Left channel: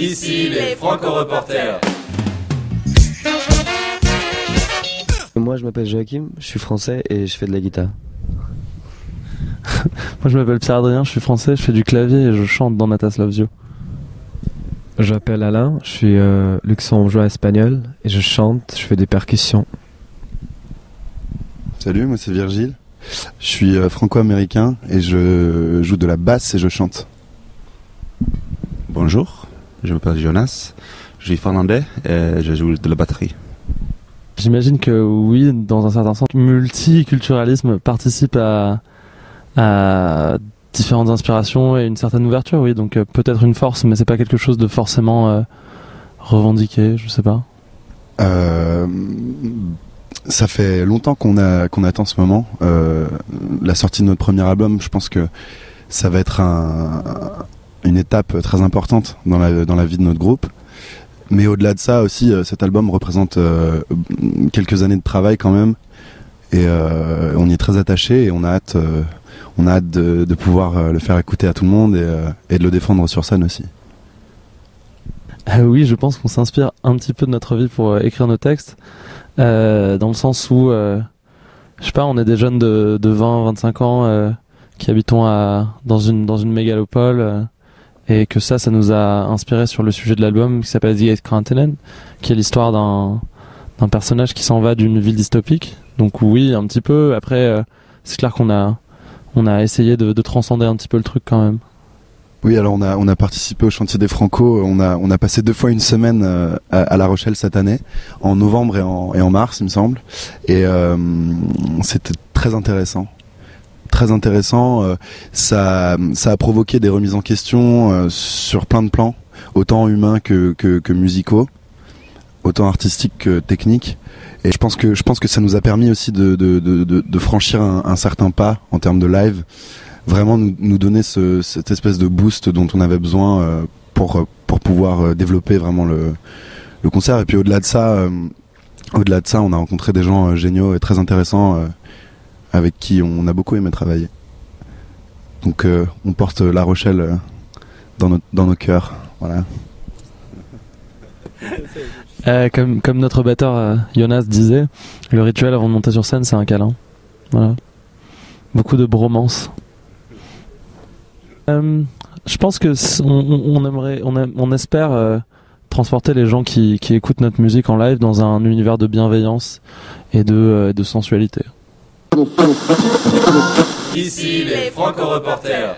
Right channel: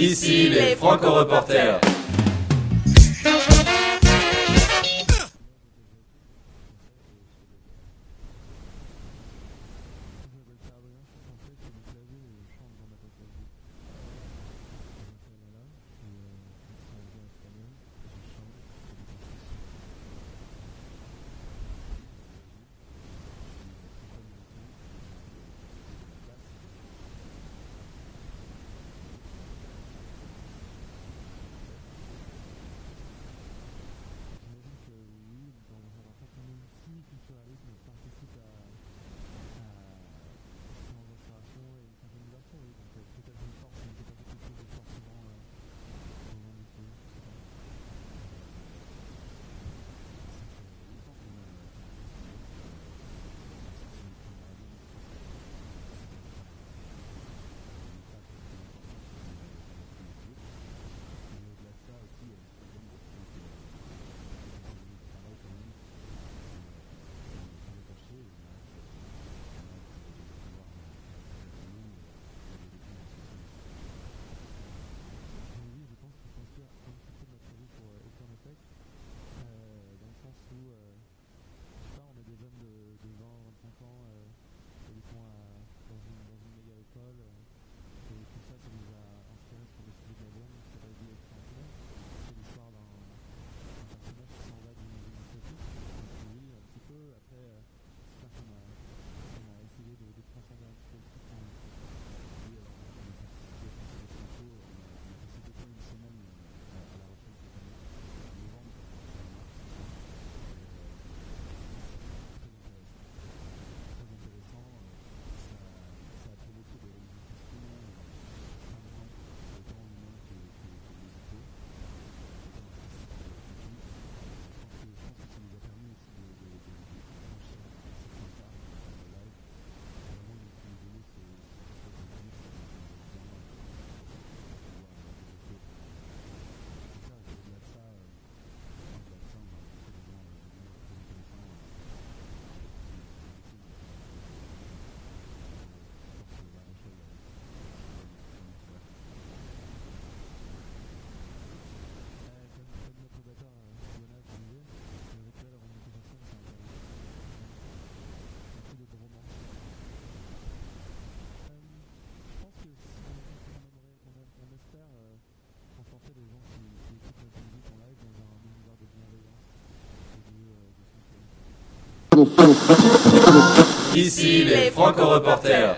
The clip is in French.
Ici les Franco-Reporters. Moi je m'appelle Joachim, je suis français et je fais de la guitare. Moi je m'appelle Pierre-Adrien, je suis français, je fais du clavier et je chante dans Natas Loves You. Je m'appelle Alain, je suis luxembourgeois espagnol et je chante, je fais des percussions. Salut, moi c'est Virgile, je suis franco-américain et je joue de la basse et je chante. Bonjour, je m'appelle Jonas, je suis finlandais et je joue de la batterie. J'imagine que oui, dans un certain sens, le multiculturalisme participe à différentes inspirations et une certaine ouverture, oui, donc peut-être une force, mais c'est pas quelque chose de forcément revendiqué, je sais pas. Ça fait longtemps qu'on attend ce moment, la sortie de notre premier album. Je pense que ça va être une étape très importante dans la vie de notre groupe. Mais au-delà de ça aussi, cet album représente quelques années de travail quand même, et on y est très attaché et on a hâte de pouvoir le faire écouter à tout le monde et de le défendre sur scène aussi. Oui, je pense qu'on s'inspire un petit peu de notre vie pour écrire nos textes, dans le sens où, je sais pas, on est des jeunes de 20-25 ans qui habitons dans une mégalopole, et que ça nous a inspiré sur le sujet de l'album qui s'appelle The Eighth Continent, qui est l'histoire d'un personnage qui s'en va d'une ville dystopique. Donc oui, un petit peu. Après, c'est clair qu'on a essayé de transcender un petit peu le truc quand même. Oui, alors on a participé au chantier des Franco. On a passé 2 fois une semaine à La Rochelle cette année, en novembre et en mars, il me semble. Et c'était très intéressant. Très intéressant, ça a provoqué des remises en question sur plein de plans, autant humains que musicaux, autant artistiques que techniques. Et je pense que ça nous a permis aussi de franchir un certain pas en termes de live, vraiment nous donner cette espèce de boost dont on avait besoin pour pouvoir développer vraiment le concert. Et puis au-delà de ça, on a rencontré des gens géniaux et très intéressants, avec qui on a beaucoup aimé travailler. Donc on porte La Rochelle dans nos cœurs. Voilà. Comme notre batteur Jonas disait, le rituel avant de monter sur scène, c'est un câlin. Voilà. Beaucoup de bromance. Je pense que on espère transporter les gens qui écoutent notre musique en live dans un univers de bienveillance et de sensualité. Ici les Franco-Reporters.